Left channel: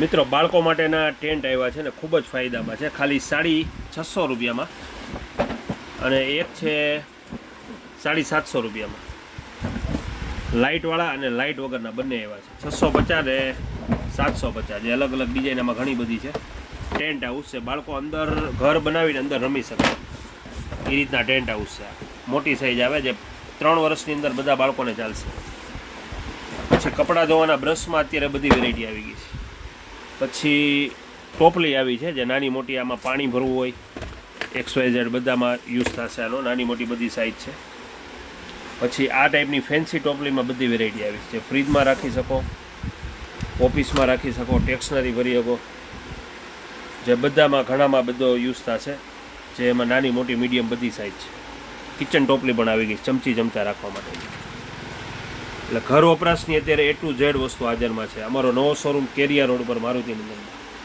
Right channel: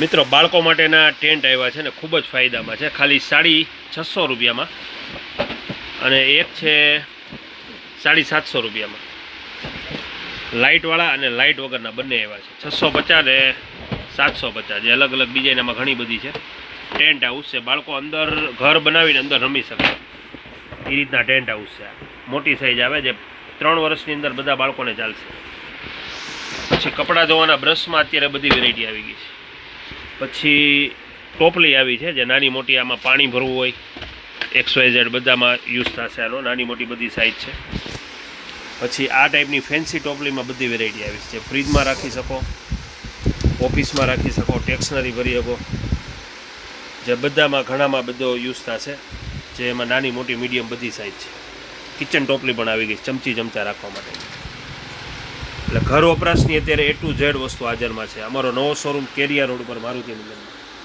મિત્રો બાળકો માટેના ટેન્ટ આવ્યા છે ને ખૂબ જ ફાયદામાં છે, ખાલી 650 રૂપિયામાં, અને એક છે 750 રૂપિયામાં. લાઇટવાળા અને લાઇટ વગરના બંને આવ્યા છે, 650 ને 750, જે અલગ અલગ ડિઝાઇનમાં ઘણી બધી છે. ટેન્ટ હાઉસ છે, બાળકો અંદર ઘર બનાવીને અંદર રમી શકે એ રીતના ટેન્ટ હાઉસ છે. મોટી સાઈઝ આવે, જે 3 વર્ષની અંદર બધા બાળકોને ચાલશે. પછી કપડાં ધોવાના બ્રશમાં અત્યારે બધી વેરાયટી આવી ગઈ છે. પછી ટોપલી આવી છે, જે નાની મોટી, આમાં પાણી ભરવું હોય, XYZ બધામાં યુઝ થશે આનો, નાની મોટી બધી સાઇઝ છે. પછી આ ટાઈપની ફેન્સી ટોપલીમાં બધી વેરાયટી આવી છે, ફ્રીજમાં રાખી શકો, ઓફિસમાં રાખી શકો, ટેક્સનરી ભરી શકો, જે બધામાં ઘણામાં બધો યુઝ થશે, જે એમાં નાની મોટી મીડિયમ બધી સાઇઝ છે. કિચન ટોપલી પણ આવી ગઈ, ચમચી ચમચા રાખવા માટે. એટલે ઘર વપરાશની અત્યારે A to Z વસ્તુ હાજરમાં છે. અમારો નવો શોરૂમ કેરિયા રોડ પર મારુતિનગરમાં.